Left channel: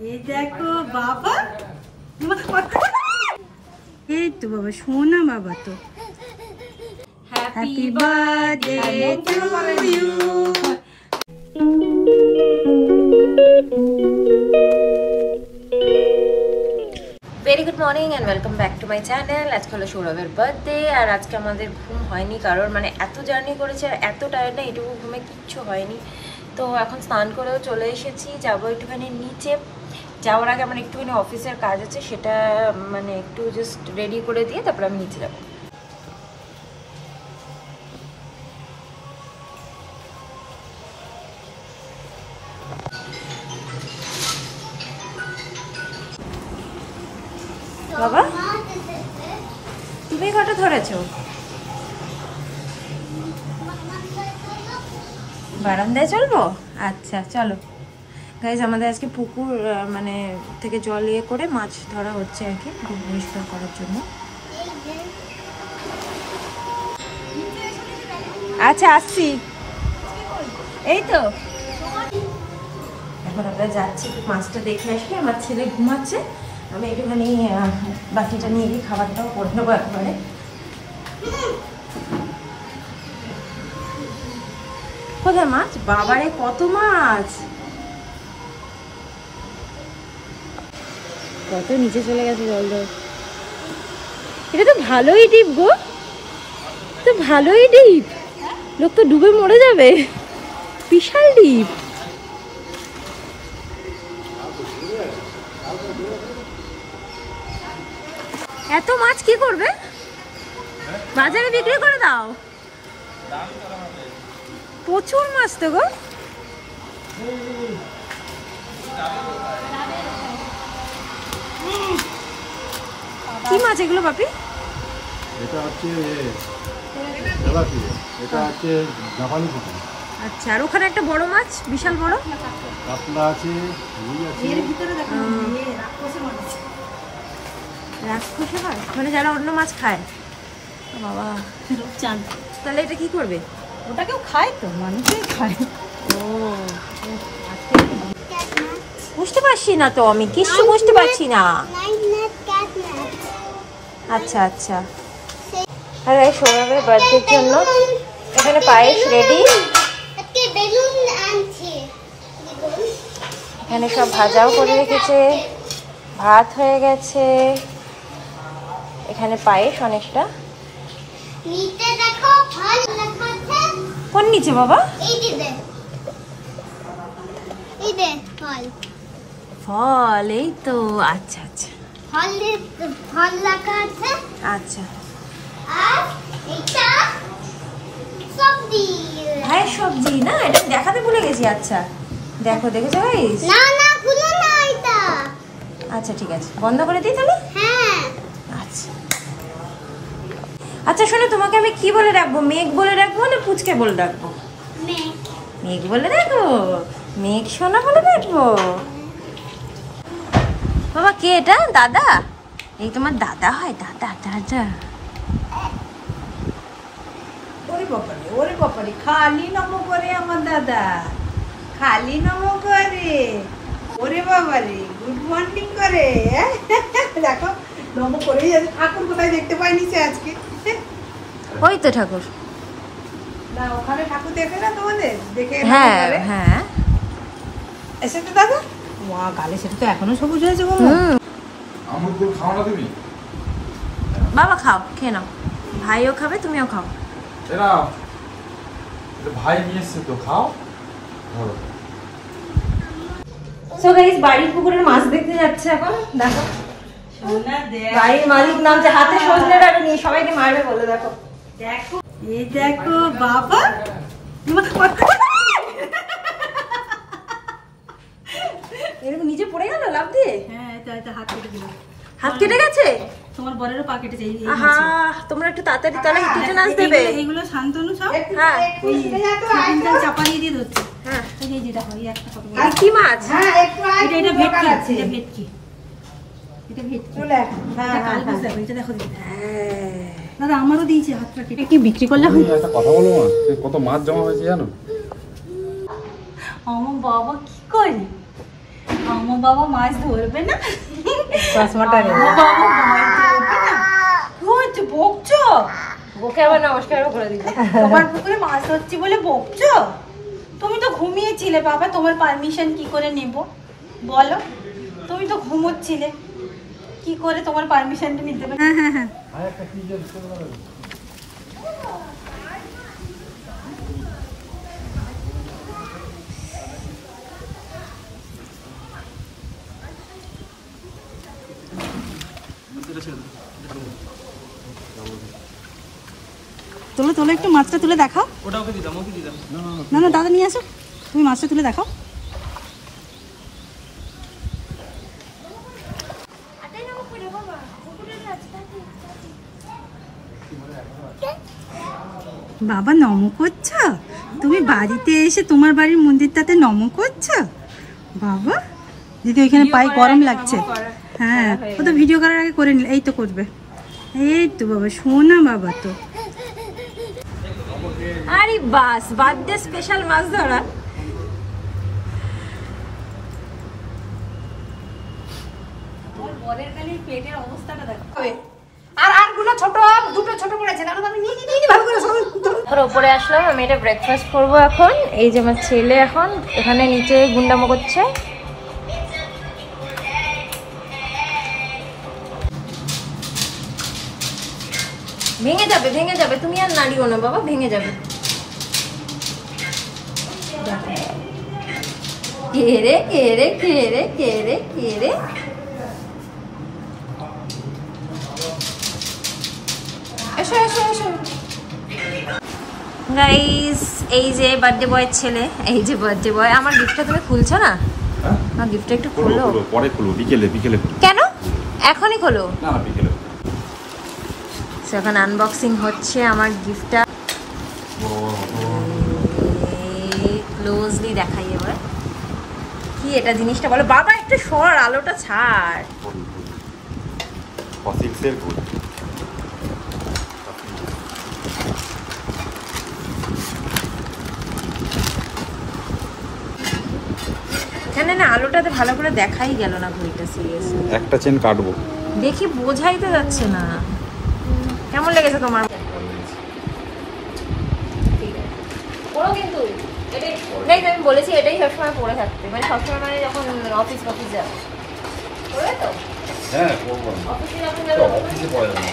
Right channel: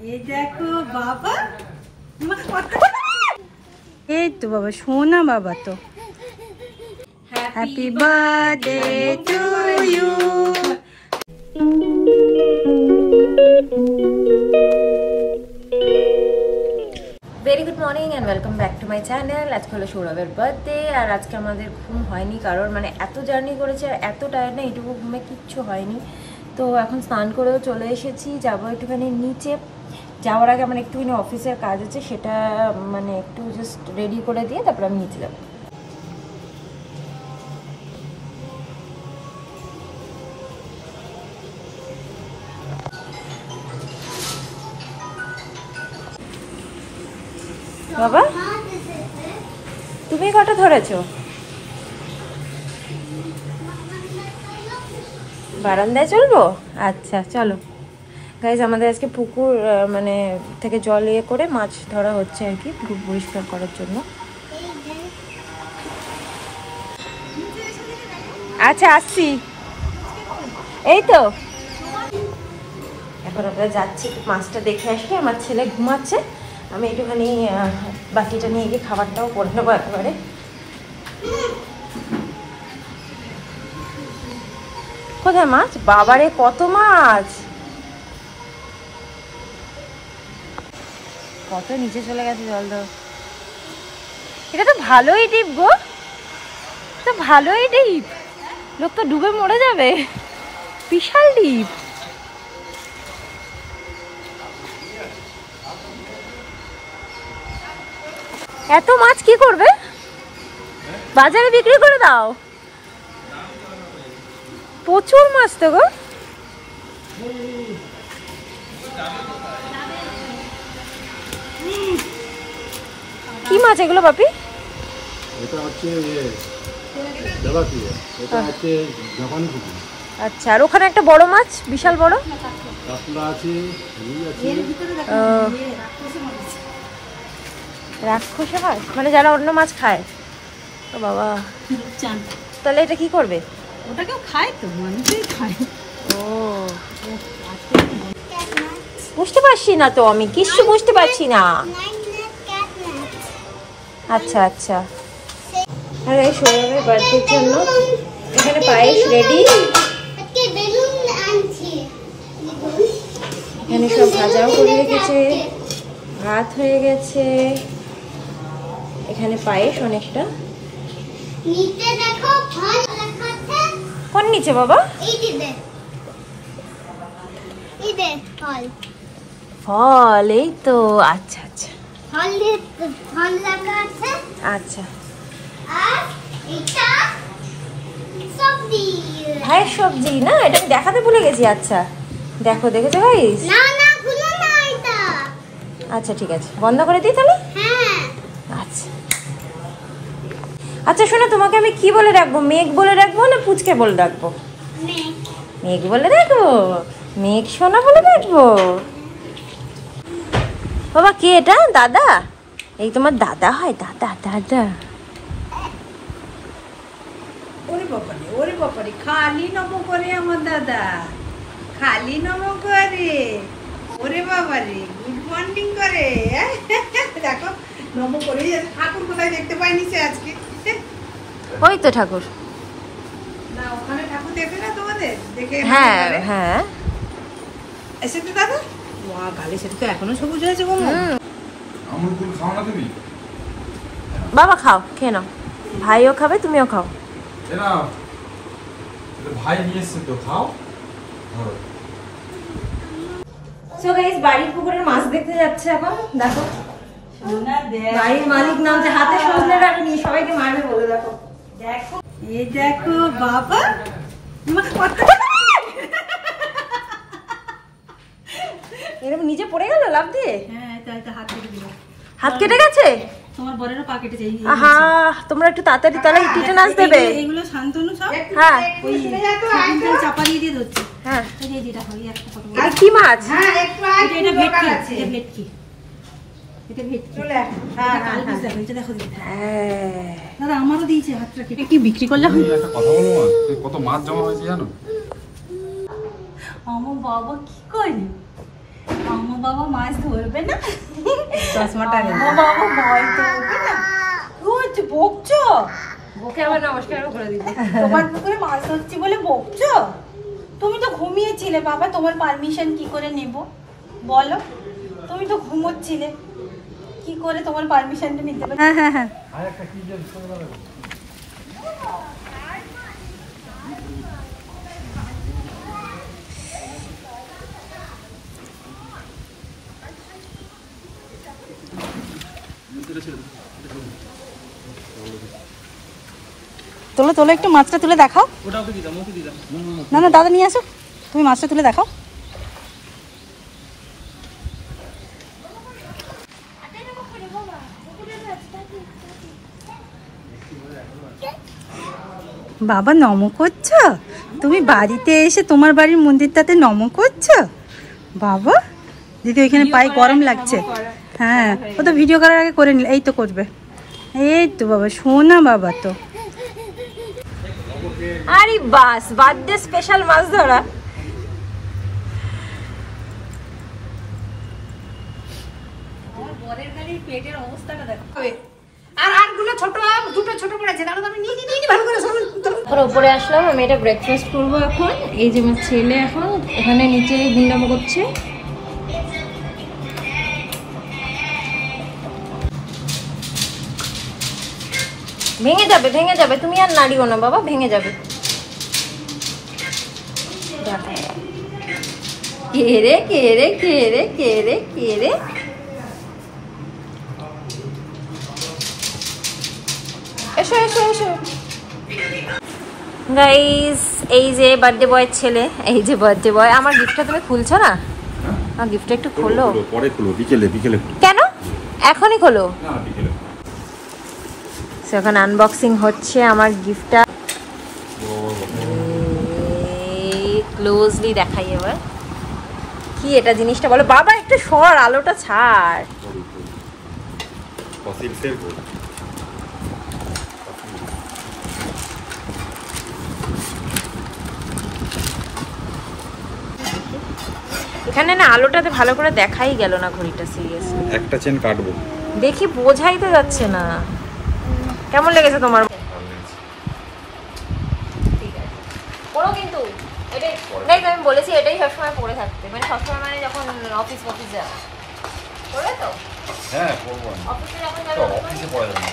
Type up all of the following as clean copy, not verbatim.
এই দেখো বাবা, এই তো বাবা সোনা বাবা তো। Happy birthday to you. Very good morning and welcome back to my channel. আজকে হলো সৌরভের বার্থডে আর আজকে আমাদের ঘুম হয়নি, কারণ মানে এত জার্নি করেছে আর এত টায়ার্ড না, এটুকু ঘুমে কিচ্ছু হয়নি। তো এখন স্নান করেও চলে এসেছি, যাবো একটুখানি নিচে। যাওয়ার আগে আমার একটুখানি অফিসের কাজ আছে, সেটা মানে একটু জাস্ট রেডি করে দিয়ে তারপর আমি নিচে যাবো। বাবা তুমি কটা ধরেছো? বারান্দায় চলবো? আচ্ছা চলো গাইজ, আমাদের আজকে পুকুর মানে থেকে জল ইয়ে করে মাছ ধরা হচ্ছে আর কি, পুকুর পরিষ্কার করার জন্য। আচ্ছা আসছি, এই তো এখন আমরা যাচ্ছি, মাছটা দেখে আসি। আমার ছেলে ঘুমাচ্ছে, আমি একটুখানি বাকিটা নিয়ে গিয়ে খাবারটাও করে নেবো একেবারে। কোথায় মাছ? বাবারে কত মাছ, কত নিচে চলে গেছে জল। এটা তো ভালোই ডিপ গো, তো ভালোই ডিপ, লোক তো ডুবে মরে যাবে, বিশাল ডিপ। এত মাছ কি করবে? বাজারে বিক্রি করে দাও, প্রচুর মাছ তো গো। কি মাছ এগুলো বাপি? এটা হচ্ছে তেলাপিয়া, এটা হচ্ছে জাপানি পুঁটি। আচ্ছা, আর ওখানে একটা বড় মাছ, বিশাল বড় কাতলা আছে, রুই আছে। রাক্ষসে মাছ মানে যারা অন্য মাছ খায়। ও বাবা, তাহলে এটা কি করবে? ওটাকেও খায় তো, মানুষই খায়। ও বুঝতে পারছি না তো, আমি কিচ্ছু বুঝতে পারছি না। আচ্ছা আচ্ছা, আরে সৌরভের বার্থডের জন্য এখানে পায়েস রেডি, এখানে সব ভাজাও করে রেখেছে, ভাত হয়ে গেছে, এখানে পায়েস অনেকটা। কোন নিচে বাবা? ফল, এই তো। আচ্ছা আচ্ছা আচ্ছা, ভাইয়ের সবজি না, এটা আমি দেখাতে ভুলে গেছি। আচ্ছা দেখো, দেখেছো গাইস? আচ্ছা ঠিক আছে, বন্ধ করে দিই তাহলে। আচ্ছা আচ্ছা শোনো, তোমাকে আমি কি বলে রাখবো? মেঘ বলে রাখবো না পুচকে বলে রাখবো? মেঘ বলে রাখবো, মেঘ সোনা বলে রাখবো। বাবা কে এটা? দাদা? এই তোমার দাদা হয়? দাদা দাদা, ওরে বাবারে, খালি নমো করে আমার দাদা, খালি নমো করে। ওরে বাবারে, গুড মর্নিং করে। দেখো নমো করে যাচ্ছে। ঠাকুর কোথায় দেখতে পাইনি সে আজকে? ওই তো ঠাকুর। না ওখানে ঠাকুর দেখে না তোমাদের? দেখে হ্যাঁ হ্যাঁ এসেছে দাদা। ওয়া, গালে সেটা তো এখনো সবুজ হয়েছে বলো। আমুল দুধ খাও না তুমি? বাবা খাও, খেয়ে নাও, ভাইও খাবে, তুমিও খাও। এরা ভাই নিয়ে এসছে তো, খাও। সো গাইস, বাড়ির পুকুরের মাছ দেখতে যাচ্ছে এখন। দেখো বাড়ির মালিক নামছে, হাতে সজনে ডাটা নিয়ে সবাইকে মারবে বলে। দেখো দেখো, এই দেখো বাবা, এরকম নিচে পড়ে গেল লাফ দিয়ে। হ্যাঁ তাই তো, হাত কেটে দিল। হাত কেটে গেছে? তোমার বরেরও পা কেটেছে। আহা, তোমরা একটু তাড়াতাড়ি তাহলে টিটেনাস দেবে। এইগুলো শান্তনু সব। হ্যাঁ ওই চাপা দিয়ে দিয়ে ধরছে। হ্যাঁ, এই যে যেটা হয় একটা কত বড়। আর কি মাছ? এটা এটা ভেটকি, এটা ভেটকি, এটা ভেটকি। হ্যাঁ হ্যাঁ হ্যাঁ, এটা দেখো দিদি। হ্যাঁ দাদা আমারও দিয়েছে হাতটা কেটে। কি বিক্রি করলে হয়? একটা কথা বলবো না, কত মাছ জমা হয়েছে জানো? আমার বাবা কি করে আমার বাবা মাছ ধরবে না, চশমাটা বাবা ভয় করবে না। বকছো, ওকে আবার নমস্কারও করে দিল। তোমার পুকুরে মাছ ধরছি বলে বকছো? তুমি তো ঘুমিয়েছিলে বাবা, তোমার পারমিশন কি করে নেব বলো? তুমি তো ঘুমোচ্ছিলে, কি করে তোমার পারমিশনটা নিতে পারি? হ্যাঁ হ্যাঁ হ্যাঁ। তোলো তোলো, একটু মাছটা তুলে দেখাও। না না দাদা নিয়ে আসো, তুমি মাছটা তুলে দেখাও। বাবা নম করছো তুমি? বাড়িতে এসে তোমার বাড়ির মন্দিরটাতে নম করছো বাবা? দিদি ওইখানে পায়ে গরম লাগছে। হ্যাঁ ও তো ভিডিও করার আগে করে নিল, এই তো করবে। এই তো বাবা শোনা বাবা তো। আরে বাস, বার্থডে স্পেশাল মাছ ধরা। উপরে আসলাম, আমি এটা ব্রেকফাস্ট করবো এখন। এই যে আমার ছেলে এখন এখানে নিচে গুন্ডামো করছে। ভেঙে যাবে, ভেঙে যাবে, তুমি আর নাড়িও না বাবা, ভেঙে যাবে। কে রে কে রে কে রে কে রে কে রে? এসো এসো এসো গাইস, এই যে বার্থডে বয়ের ছেলে, এই যে বার্থডে বয়। আমার গিফটটা তুমি খুলছো না? আমার গিফটটা একটু খোলো। পরে খুলো, বিকেলে বিকেলে। কেন এখনই খোলো? না না বিকেলে। এখন আনবক্সিং হচ্ছে আমার গিফটটা। ক্লোজলি দেখাই এবার কি এটা জিনিসটা, বলো বাবা একটু সর, আলোটা ছাড়। এখানে না আলোটাতে ভালো করে দেখাই গেল না ঘড়িটা। সিরিয়াসলি একটা চেন কাটবো, দেখি বোঝাইতে যাচ্ছে না। কেমন লেগেছে তোমার? পড়ো কিন্তু এটাই, আমি বলেছি এটাই সবসময় পড়ে থাকতে, মানে সবসময়, মানে যখন অফিস যাবে পড়বে তো। হ্যাঁ করবো, অফিসে যখন যাবে অফিসে পড়ে যাবে।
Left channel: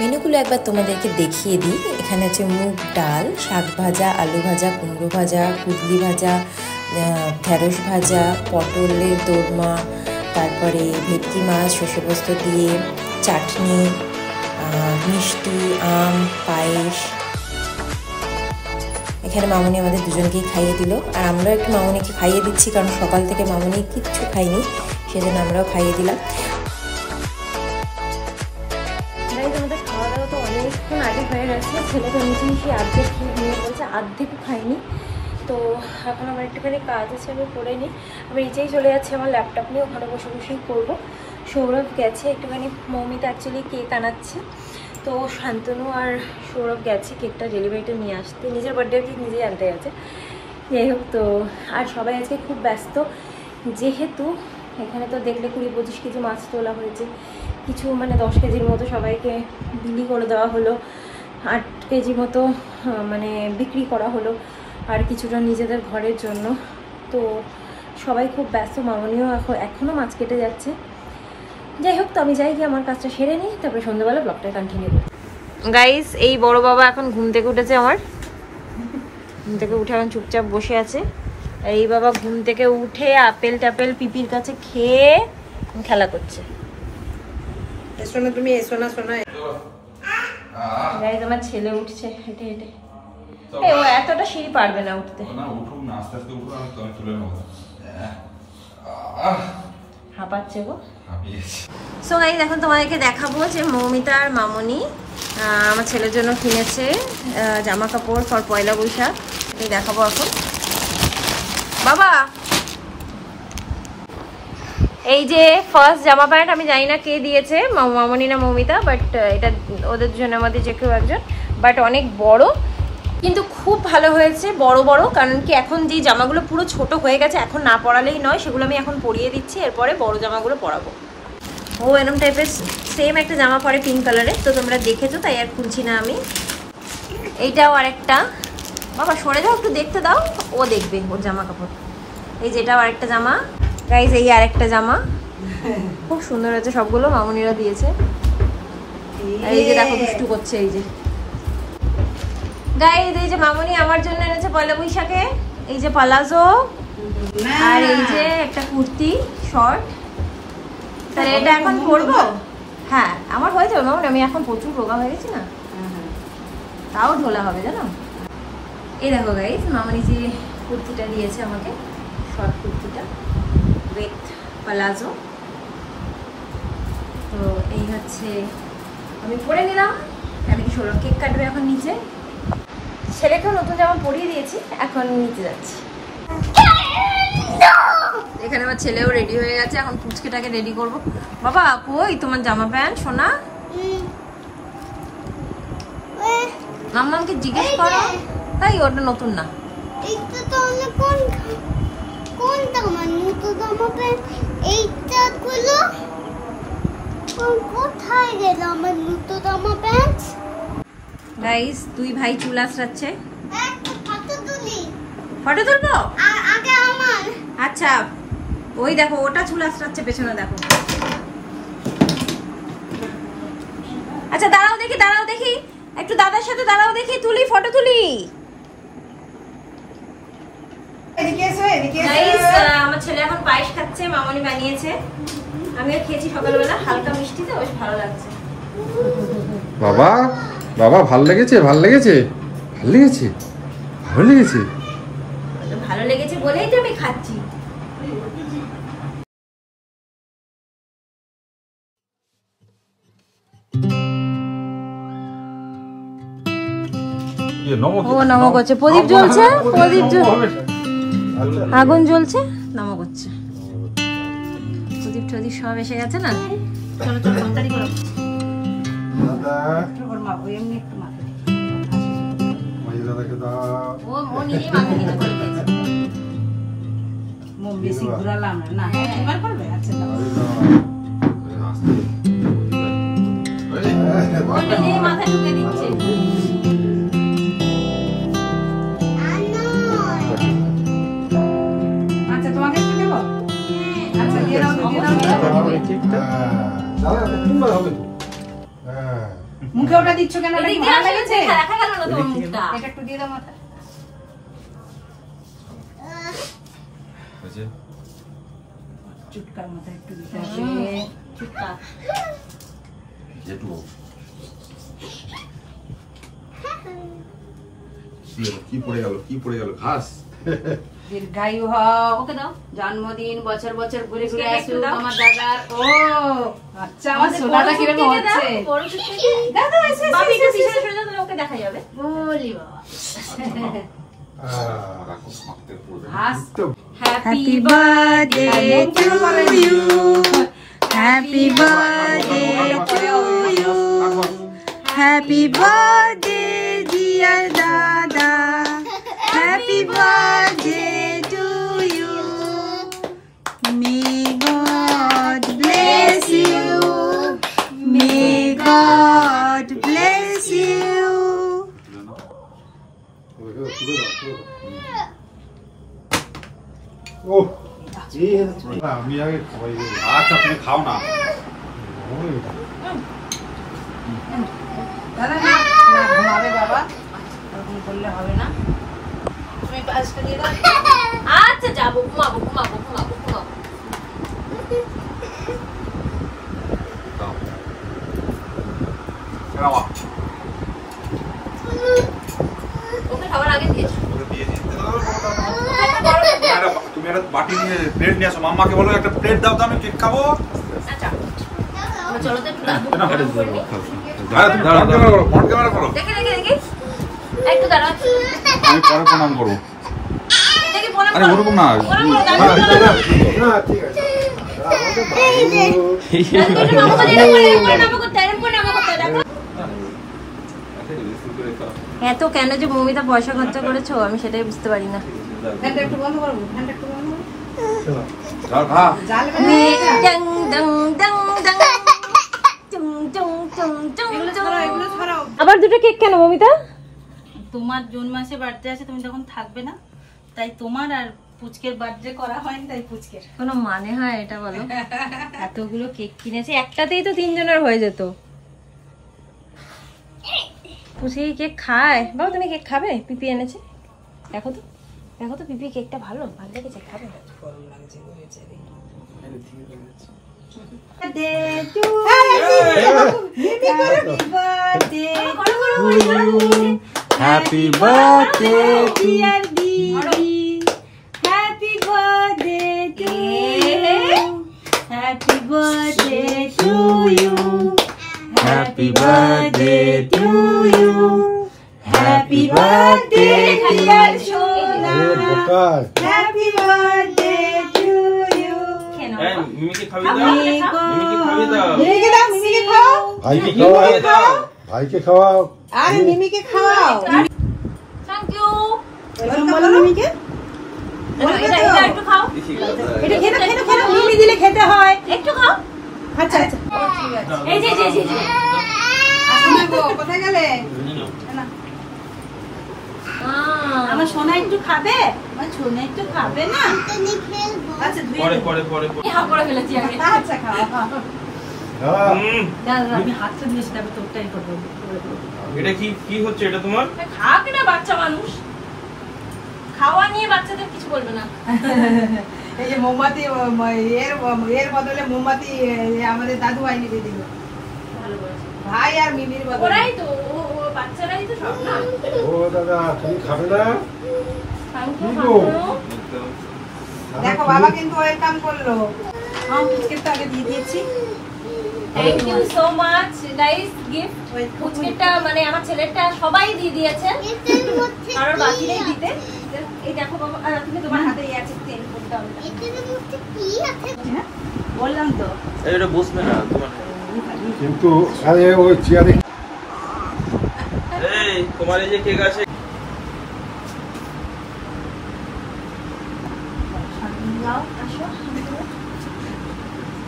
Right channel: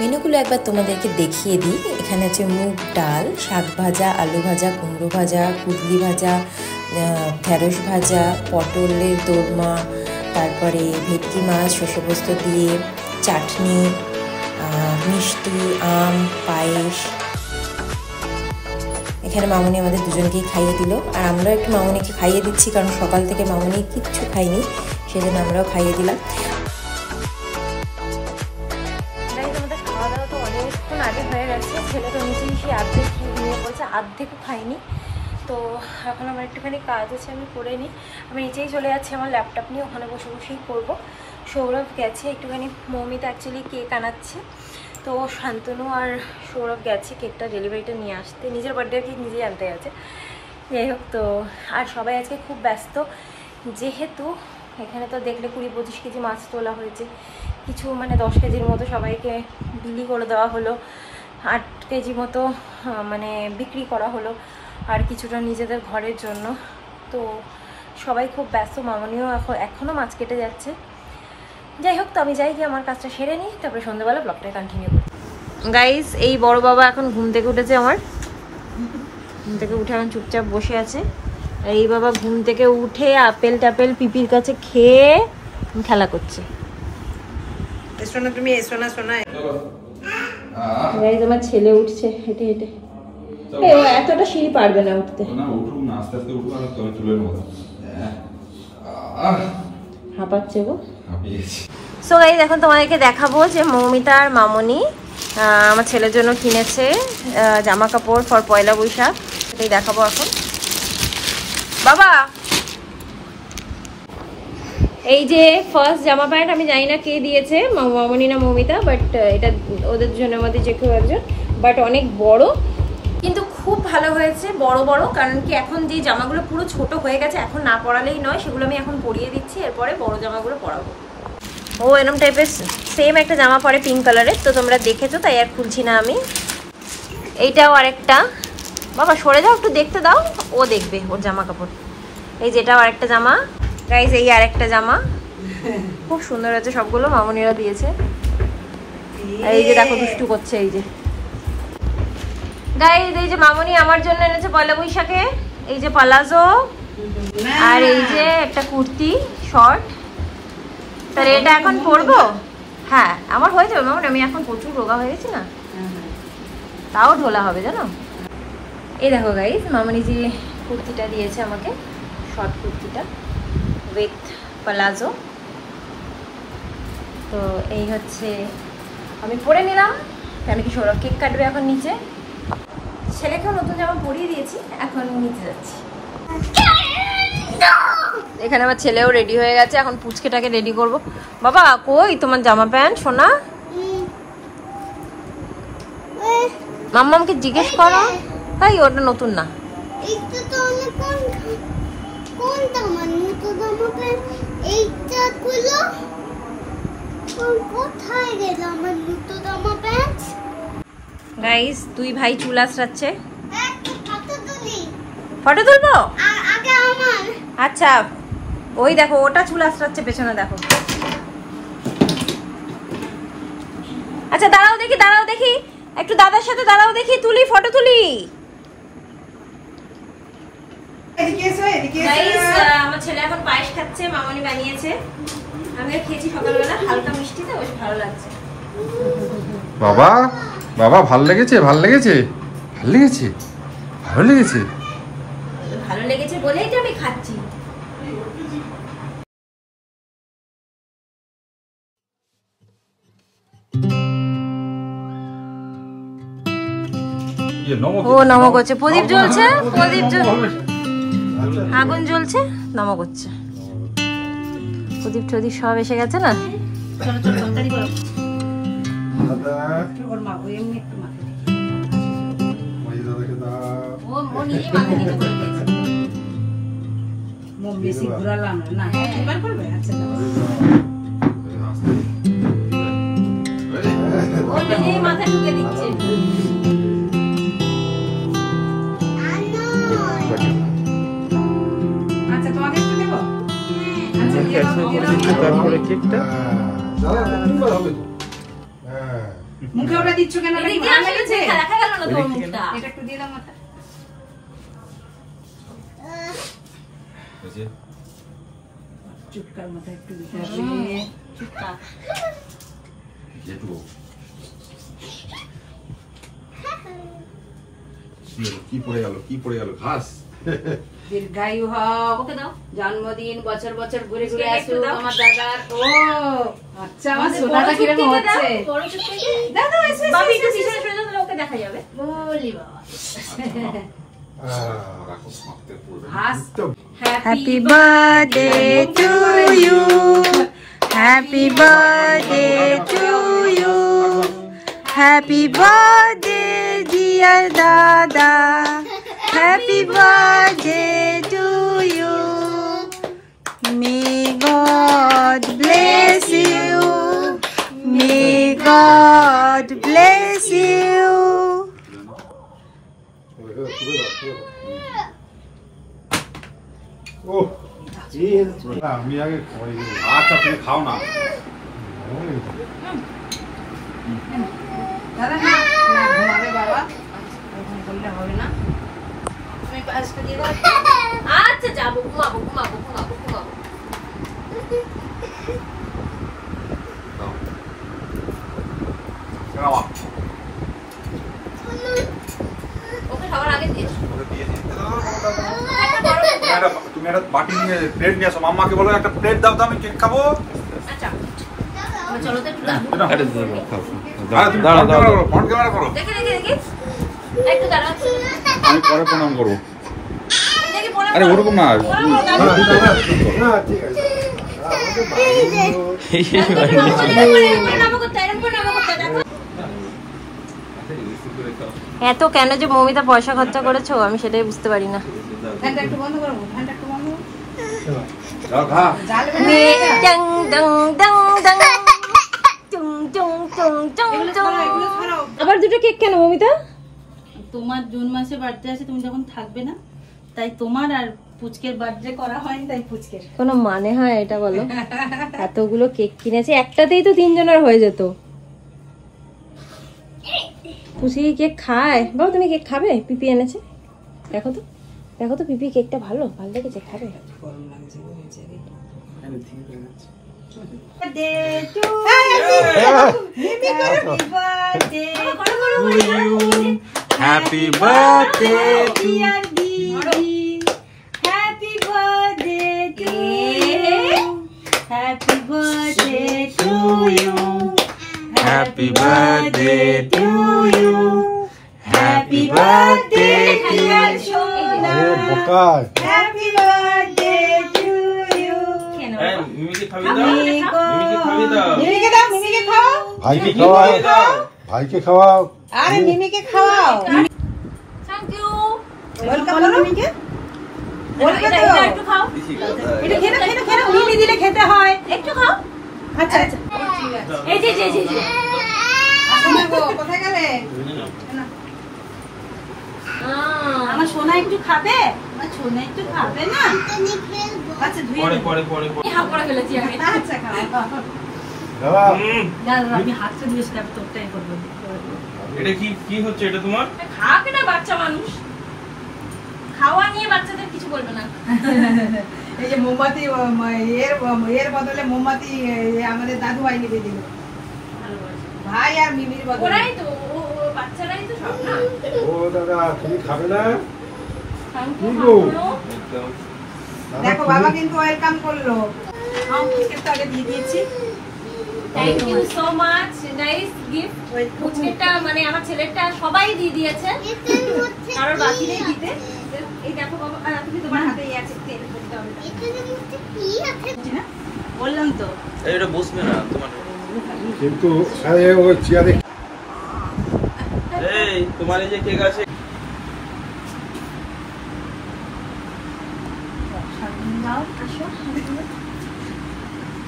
মেনুগুলো একবার তোমাদেরকে দেখিয়ে দিই। এখানে আছে মুগ ডাল, শাক ভাজা, আলু ভাজা, কুমড়ো ভাজা, কুদলি ভাজা, ঢেঁড়স ভাজা, পটলের দোরমা, তারপরে ভেটকি মাছ শস্য পোস্ত দিয়ে, চাটনি, মিষ্টি, আম, পায়েস। এখানে মামনি আমাদের দুজনকেই খাইয়ে দিল, আর আমরাও একটু মামনিকে খাইয়ে দিচ্ছি, কারণ সকাল থেকে মামনি কিচ্ছু খাইনি, সেজন্য আমরাও খাইয়ে দিলাম। আগে হয়ে গেছে, ছেলে তো নিচে এসে অর্ধেক নিয়ে বলছে, অর্ধেকও খাইনি। তো এখন আমার একটুখানি কাজ আছে, আমি করে নিই। আমি নিচেই চলে যাচ্ছি আমার ল্যাপটপ নিয়ে, ওখানে বসে বসেই করবো। সৌরভ গেছে একটুখানি, মৌমিতা অ্যাকচুয়ালি কেক আনাচ্ছে, তো শান্তনু আর সৌরভ গেছে কেকটা ডেলিভারিটা নিয়ে আসতে। নিজের বার্থডে কেক নিজেই আনতে গেছে। যাই হোক, তো আর সবাই আজকে খুব ব্যস্ত, যেহেতু এখানে তো দেখলে 20-25 কেজি মাছ তোলা হয়েছে। কিছু মানে 10 কেজির মতো সবাইকে বিলি করে দেওয়া হলো, 8 কেজি মতো মানে বিক্রি করা হলো, আর কিছুটা নিজেদের ঘরের জন্য। তো সবাই খুব ব্যস্ত, মামনিও এখনও মাছ কেটে যাচ্ছে। যাই হোক, তো আমি যাই গিয়ে আমার কাজটা সেরে নিই, তারপরে সন্ধ্যাবেলা ব্লগটা কন্টিনিউ করি। গাইস, এই বড় বাবা এখন ঘুম থেকে উঠেছে, আমার ঘুম থেকে উঠে এখন চুপচাপ বসে আছে। আর এই বাবা ঘুম থেকে উঠে আপেল টাপেল পিপির কাছে খেয়ে খেলা করছে। তুমি এসো না শোনা। গাইস, আমার ছেলে উঠছে হেঁটে হেঁটে। ও এতটা সিঁড়ি পারবে না উঠতে, হাঁপাচ্ছে গো। সো গাইস, এখন তোমাদেরকে দেখাবো যে মৌমিতা আর মামনি আমার ছেলের জন্য কিনেছে জামা কাপড় ফর পয়লা বৈশাখ, এটাই দেখাবো এখন। বাবা এই যে ফার্স্ট জামা প্যান্ট, আমি জানি না কে দিয়েছে, মামনি না মমিতা, বাট এটা ওদের জন্য আমাদের যে কেউ একজন, বাট অনেক বড় কিন্তু খুব ভালো হয়েছে, বড় বড়। কারণ কি এখন যে জামাগুলো পুরো ছোট হয়ে গেছে, এখন না পরালেই নয়, সেগুলো আমি এখন পরিয়ে দিচ্ছি, এরপরে বড় জামাগুলো পরাবো। ও এরকম টাইপের সেম একটা জামা পরে পিঙ্ক কালারের, তো তোমরা দেখেছো তাই আর খুলছি না আমি। এইটাও আরেকটা, বাবা সরে যাও একটু দেখতে দাও, ও দেখবে ওর জামা কাপড়। এই যেটাও আরেকটা জামা গাইস, এই আরেকটা জামা খুব সুন্দর হয়েছে, সবগুলো মামনিরা দিয়েছে। আর এই যে দেখো দুষ্টু করছে, এই যে গাইস এই যে মামনি আমার জন্য এনেছে পয়লা বৈশাখে, এই যে পালাজো আর এই যে একটা কুর্তি শর্ট। তাহলে এটা এখন পরবো? হ্যাঁ আমার হয়ে যাবে মামনি, আমি এখন প্রচুর রোগা হয়ে গেছি না, তাও ঢোলা হবে জানো। এই দেখো গাইস মামনি যে কুর্তিটা দিয়েছে আমাকে, শর্ট কুর্তিটা উইথ পালাজো, তো এই হচ্ছে আমি পরে নিলাম। কেন কি সৌরভ কেক কাটবে এখন নিচে, ছেলেকেও নতুন জামা পরিয়ে দিয়েছি, এখন নিচে যাচ্ছি। এখানে আমার ছেলেও রেডি হয়ে গেছে, এখন পুচকেটাকে রেডি করব। বাবা কই তোমার জামা প্যান্ট সোনা? মাম্মামকে জিজ্ঞেস করো, তাই ওটা নতুন না। গাইস দুই ভাই চুল আঁচড়াচ্ছে, ফটো তুলবো? আচ্ছা ওই দেখো ওটা চুল আঁচড়াচ্ছে পেছনে দেখো। আচ্ছা দাঁড়াও দেখি একটু দাদার সাথে দাঁড়াও দেখি, তুলি ফটো তুলি। আমার ছেলে এখন পায়েস খাচ্ছে, মামনি বানিয়েছে, আমিও খেয়েছি সকালবেলা, হালকা মিষ্টিতে বেশ ভালো লাগছে। বাবা বাবা ভালো লেগেছে ভালো লেগেছে বলেই তো আমি খাচ্ছি। ও নম করছে, প্রদীপ জ্বলছে, আগুন জ্বলছে, নম করছে, প্রদীপ টদীপ সব এসে গেছে না। চলো তাড়াতাড়ি করো। বেশি ঘুরালাম না, এবার করবে? আচ্ছা মাথায় ঢুকে দিচ্ছে। আচ্ছা তোমাকে একটু দেবো, মুখে ওটা দিচ্ছ কেন? দেখা গেল না তোর মুখটা, এটা একটু দিয়ে দাও মাথায়। চুটকার মাথায় একটু দিতে হবে, চুটকা কি পড়ে গেল ঘাস। দীর্ঘায়ু হও, ওকে দাও। জন্মদিন বছর বছর ঘুরে ঘুরে কেক আসুক একটু দাও। আমার দাদার। ও আচ্ছা আমার সোনাটা কিরকম হচ্ছে, দাদা এসে বাবি একটু পিছনে সরে যাও, তাহলে ওকে দেখা যাবে। বলি বাবা। Happy birthday to you, happy birthday to you, happy birthday dear Dada, happy birthday to you, may God bless you, may God bless you. আমি আগে খাওয়াই দেবো। আচ্ছা তুমি খাও না। দাদা না ঘুমাবে বাবা, এরকম করলে হবে না। তুমি পাঁচটা দিয়ে দাও। আচ্ছা যাবো, ঘুমাবো। ওকে খাবার আগে দিয়েছো? তুমি একটা বাটি নিয়ে প্লেট নিয়ে আসো, মাম্মাকে বলো একটা প্লেট দাও তো আমি কেক খাবো। আচ্ছা চলো তো একটু দাঁড়াও দেখি একটু দাঁড়াও আমি পরে প্রণাম করবো। আরে ওরকম না, এত কেন যে মৌমিতা পয়সা খরচা করেছো আমি সেটাই বুঝতে পারি না। আবার দুটো কেক কেন মৌমিতা? তোমার জুন মাসে বার্থডে আছে, তুমি যখন থাকবে না, তাই তোমার আর পুচকের বার্থডে করা হয়নি, তাই পুচকের কোনো মানে হয় এটা বলো? এতগুলো কেক কিনেছে, একটাতেই তো 3 জনের হয়ে যেত। পুচি কেক খায়? বাবা তুমি কেক খাবে? পিপি এনেছে, দেখো তো পিপি কেকটা ভালো লেগেছে, খাবে? Happy birthday two Happy birthday to you. Happy birthday to you. Happy birthday to you. Happy birthday to you. Happy birthday to you. মিমিকে খাওয়াই দাও, মিমিকে দাও, মিমিকে খাও। ভাইকে খাওয়াও। আরে মিমিকে খাওয়াও। Thank you. বলো মিমিকে। এটা একটু খাও, এটা খেতে মিমি দিলে খেতে হয়। একটু খাও। আচ্ছা এই যে আসো না গো, কোথায় গেলে? আমার সোনা একটু খাবে? আমার সোনা একটু খাবে না? আচ্ছা ধুয়ে পরে হাফ করে ফেলেছি আমি। আচ্ছা খাও। খাওয়াও। না আমি হাতটা দিয়ে সেটা তোরটাই করবো। এটা কি হচ্ছে এটা তোমার? খাবে না বাচ্চা মানুষ, খাওয়া নিয়ে বাচ্চাদের কিছু বলবে না। এই যে মোমবাতি এর বদলে মোমবাতি আমাদের দাদু ভাই নিয়ে দিল, ভাই আর মিমির বদলে। ওরাই তো বাচ্চারাই তো সব না। ও দাদা তুমি খাবে না? দেখো বাবা কিন্তু ওয়েলকাম করলো। আমি বিস্কিটটা আগে দিয়ে দিয়েছি। Thank you so much, nice gift. বুঝলিটা মানে আমার ছেলেটা সবাই দিয়ে দিয়েছে, কারোর বাকি নেই দিতে। এই দেখো বাবা, তুমি তোমার হাতেই আছে, তেল বলতে হবে না। বললাম তো এটা বসবে না তোমার। কিন্তু আরে ওই চেয়ারে এই তোমার এই যে কেক আছে,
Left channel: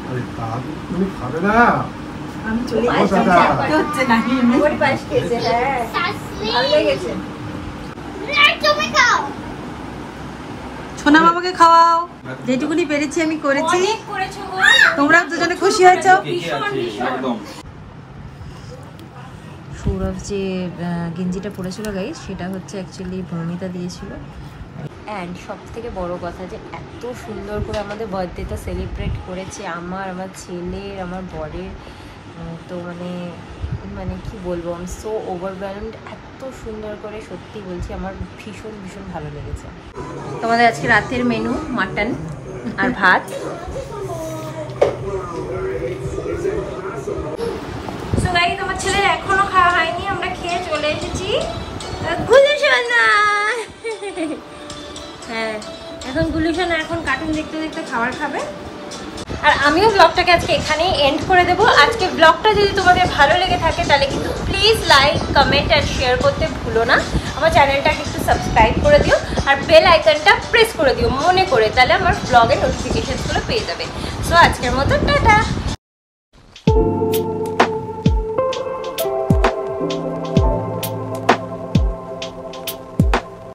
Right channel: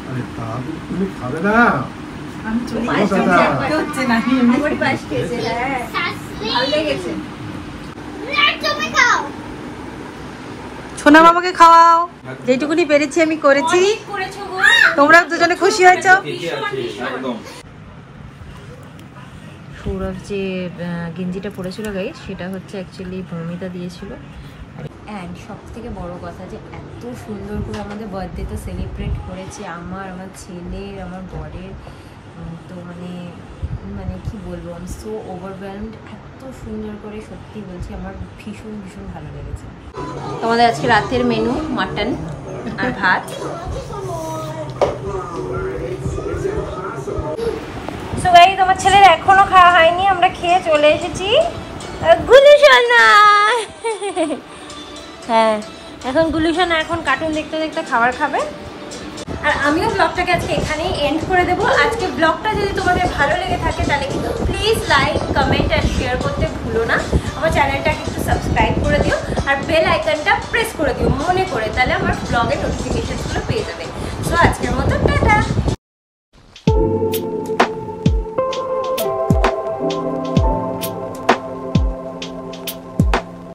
আরে দাদু তুমি খাবে না? আমি চলে ও দাদা হচ্ছে না। ওই পাশ খেয়েছে, হ্যাঁ ভালো লেগেছে। সোনা বাবাকে খাওয়াও, যেটুকুনি পেরেছি আমি করেছি। অনেক করেছো গো। তোমরা দুজনে খুশি হয়েছো? একদম সৌরভ যে গেঞ্জিটা পরেছিল গাইস, সেটা হচ্ছে অ্যাকচুয়ালি মৌমিতা দিয়েছিল। অ্যান্ড সব থেকে বড় কথা যে এত সুন্দর করে আমাদের বার্থডেটা সেলিব্রেট করেছে আমার ছেলের, আমার বরের। তো মানে কি বলবো, আমি সো ওভারওয়েলমড। এত সুন্দর করে সত্যি বলছি, আমার ভীষণ ভালো লেগেছে। তোমাদের আজকে রাতের মেনু মাটন আর ভাত। সো গাইস, তোমার ছেলের এখনো খাওয়া হয়নি, আমরা খেয়ে চলে এসেছি। গুলুসোনা, হ্যাঁ এখন গুলুসোনা এখন কার্টুন দেখতে দেখতে খাবার খাবে। আর আমিও ব্লগটাকে আজকে এখানেই এন্ড করে দেবো। আজকে ব্লগটা যদি তোমাদের ভালো লেগে থাকে তাহলে কিন্তু please like, comment and share করতে ভুলো না। আমার চ্যানেলটাকে একটু সাবস্ক্রাইব করে দিও আর বেল আইকনটা প্রেস করে দিও মনে করে, তাহলে আমার ব্লগের নোটিফিকেশনসগুলো পেয়ে যাবে। সো আজকের মতো টাটা।